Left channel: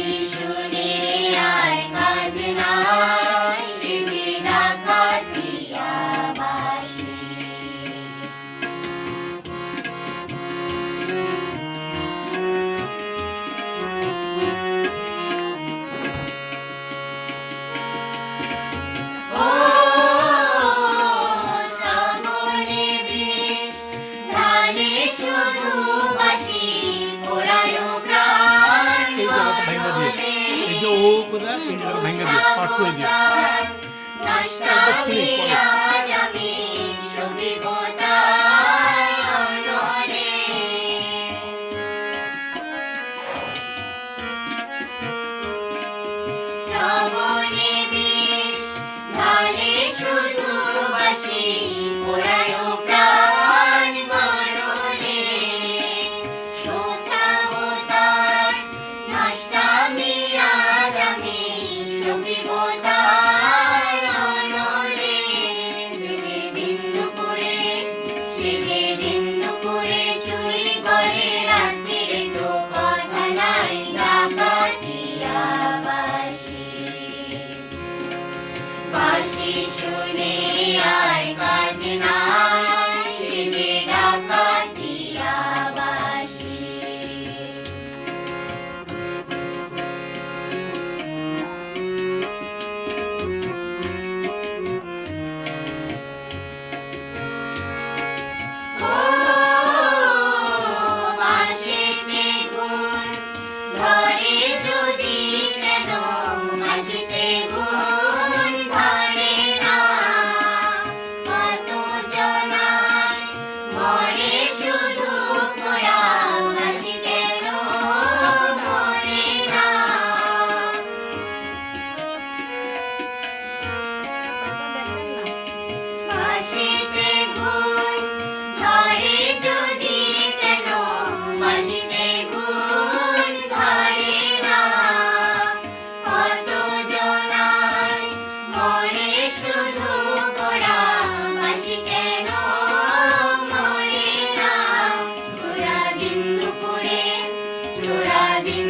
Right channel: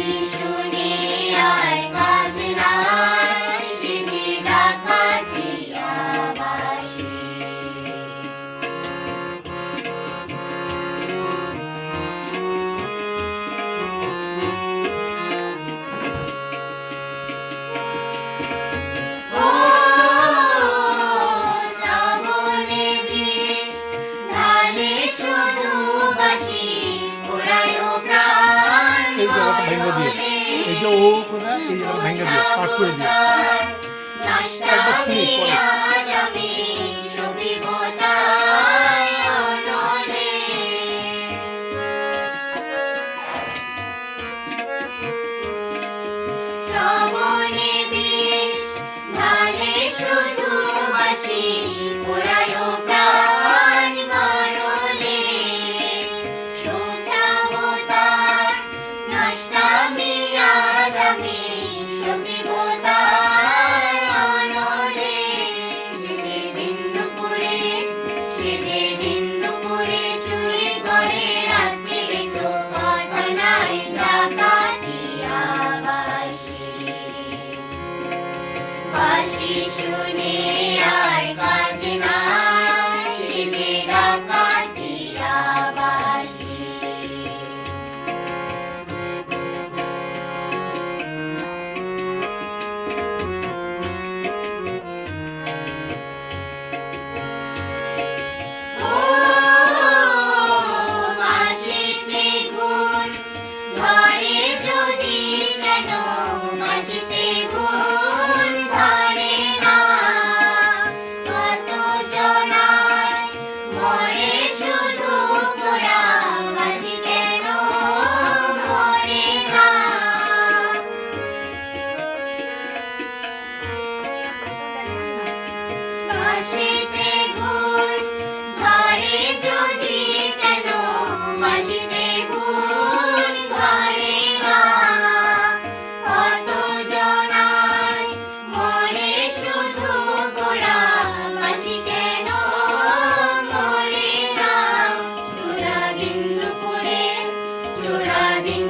বাঁশি শুনে আর কাজ নাই, সে যে ডাকাতিয়া বাঁশি। ও শ্রাবণে বিষ ঢালে শুধু বাঁশি, পোড়ায় প্রাণ এই জায়গাটা ভেঙে দিয়ে, এই যে ও করে এই জায়গাটা ভেঙে দিয়ে পাঠ করে দিয়ে একটা শুনি পরে। শ্রাবণে বিষ ঢালে শুধু বাঁশি, পোড়ায় প্রাণ গরলে। সোছাবো তার নষ্টামি আজ আমি, সপিব তার অনলে। সে যে দিন দুপুরে চুরি করে, রাত্রিরে তো কথা নাই, ডাকাতিয়া বাঁশি। বাঁশি শুনে আর কাজ নাই, সে যে ডাকাতিয়া বাঁশি। ও বাঁশিতে গুণ ধরে যদি কেন, বাঁশিতে গুণ ধরে না। কত জনায় মরে শুধু পোড়া, বাঁশি কেন মরে না। বাঁশিতে গুণ ধরে যদি কেন, বাঁশিতে গুণ ধরে না। কত জনায় মরে শুধু পোড়া, বাঁশি কেন মরে না। চোরা দিন